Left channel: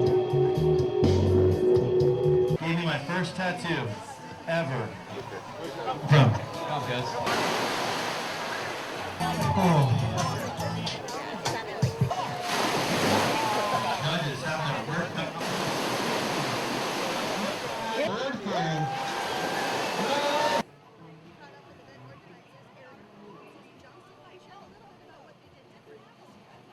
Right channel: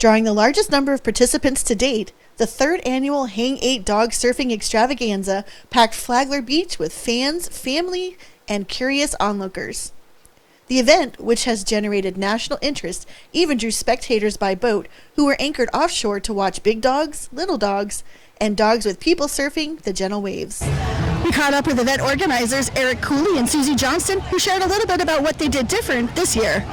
Drawing the largest number of participants to date, the third annual Hang 8 Dog Surfing Extravaganza packed Flagler Beach with fans, family, and curious onlookers. The event, which has generated national interest, even drew spectators by boat who were anchored offshore to watch big dogs, little dogs, and dogs with people surfing the gentle waves. We caught up with event organizers Eric Cooley and Susie Johnston, who shared a little bit about what they did different this year.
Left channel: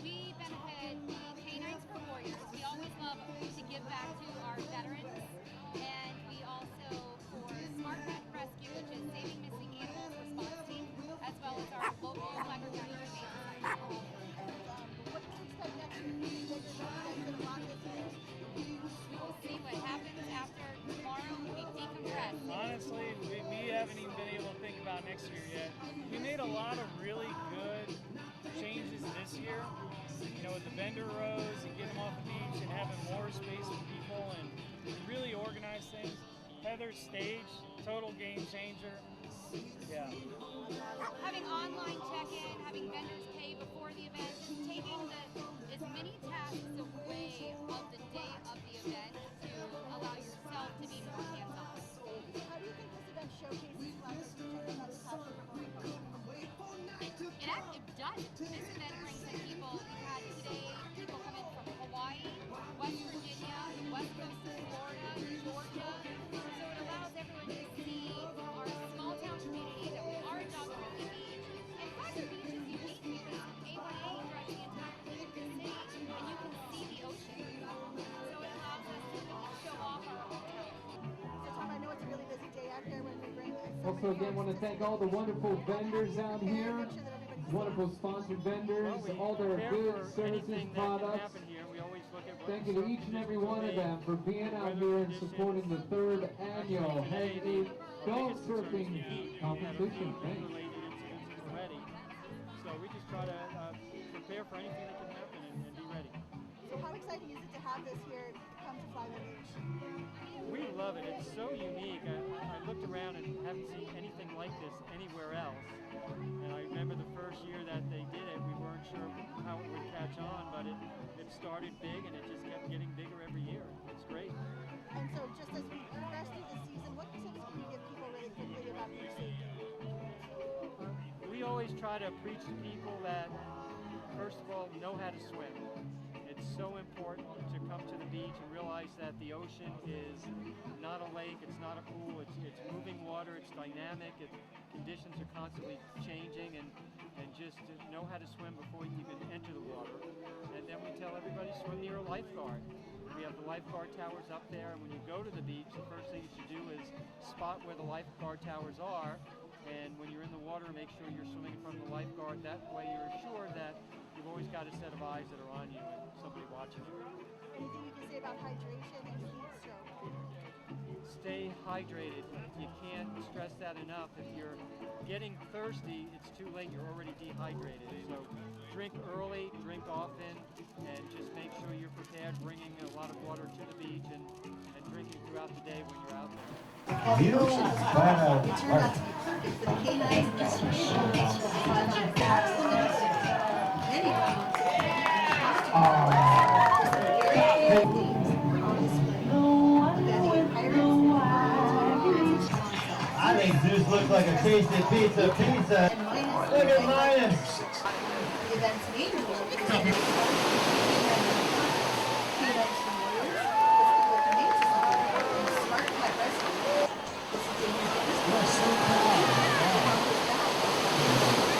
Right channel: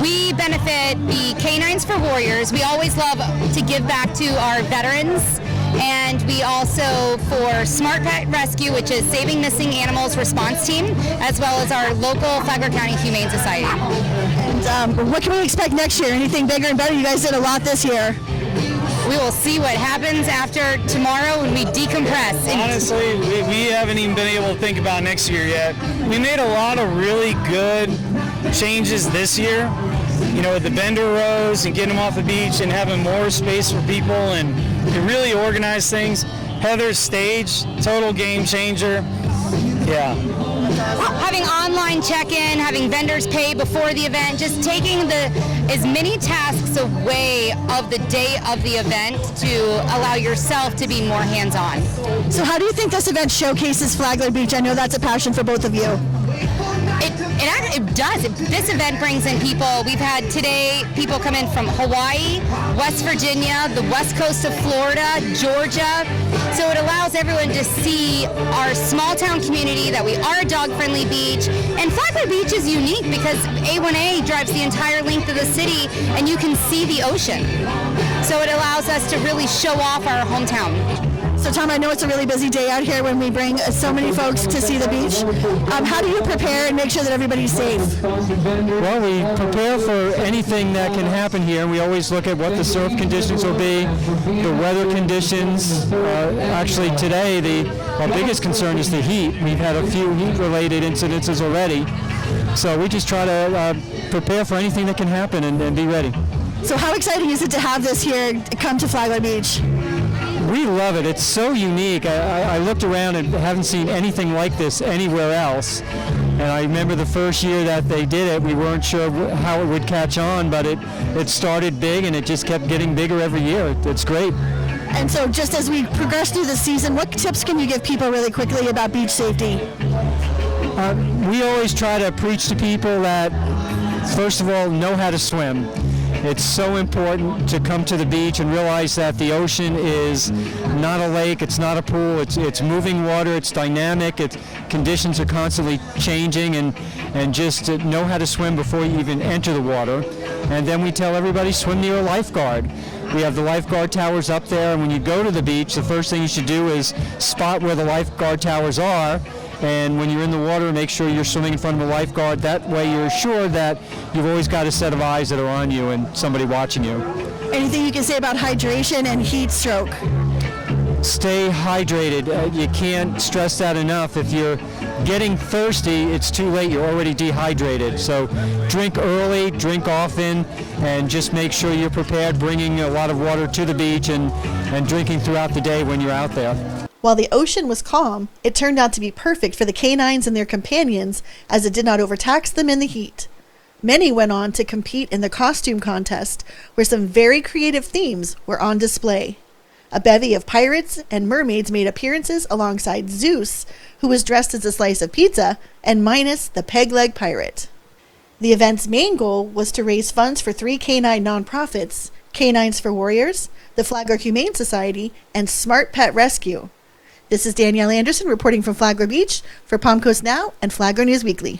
We benefit the Canines for Warriors. We always love to give back to our veterans, and we also for Smart Pet Rescue, which is Saving Missing Animals Response Team, as well as our local Flagler County Humane Society. And what can we expect next year? Anything bigger and better? You guys did a lot this year. We will see what happens after tomorrow when we decompress. Honestly, we haven't even been able to think about next year yet. We made a lot of really good changes this year, you know, with the vendor rows and getting them off the beach and having more space for people and really organize things. Heather's stage, total game changer. Yeah. Having online check-in, having vendors pay before the event, just taking as many tasks away of the day of the event to allow yourself to be more hands-on. So how do you think this event showcases Flagler Beach? I know that's a passion for both of you. It does. This event brings in people. We've had today people come in from Hawaii, West Virginia, the west coast of Florida, Georgia. So it allows everyone to see our small town community, that we are a dog-friendly beach. And Flagler Beach is unique because A1A drives the entire length of the city and you can see the ocean. So it allows us to really show off our hometown. So Tom, I know it's a really busy day out here when we bring so many folks to see the beach. How do you prepare and make sure that everybody's safe? Well, we prepare for anything that can happen here. We always look at what the surf conditions will be, the weather conditions. Actually today, our biggest concern is the heat. We've had a few heat-related incidences already. So we just try to prepare for anything that can happen and be ready. So how exciting is it to have this here come to Flagler Beach? We love it. It's so unique. I looked around and haven't seen anything like this anywhere else. And I remember the first year that they did it, we weren't sure how it would catch on, but it started big and it just kept getting bigger every year. It's great. And so just as we progress through the season, what tips can you give people really quickly about beach safety? We always try to preach to people that, first of all, know how to swim. It's so important to come to the beach and realize that the ocean is not a lake, it's not a pool, it's moving water, it's dynamic, conditions are constantly changing, and just to know how to swim before you even enter the water. And then we tell everybody, swim near a lifeguard. We have the lifeguard towers up there, and when you go to the beach, the first thing you should do is spot where the lifeguard towers are. And when you're in the water, make sure you're swimming in front of a lifeguard. That way you're assured that you've always got a set of eyes that are on you and somebody watching you. Anything you can say about hydration and heat stroke? Stay hydrated. You can't stress that enough. If you're getting thirsty, it's too late. You're already dehydrated. So drink early, drink often, and just make sure you're prepared, bringing a lot of water to the beach and drinking throughout the day when you're out there. While the ocean was calm, it turned out to be perfect for the canines and their companions as it did not overtax them in the heat. Many went on to compete in the costume contest, where some very creative themes were on display. A bevy of pirates and mermaids made appearances alongside Zeus, who was dressed as a slice of pizza, and Minos, the peg-leg pirate. The event's main goal was to raise funds for 3 canine nonprofits: Canines for Warriors, the Flagler Humane Society, and Smart Pet Rescue. This is Danielle Anderson reporting from Flagler Beach for Palm Coast Now and Flagler News Weekly.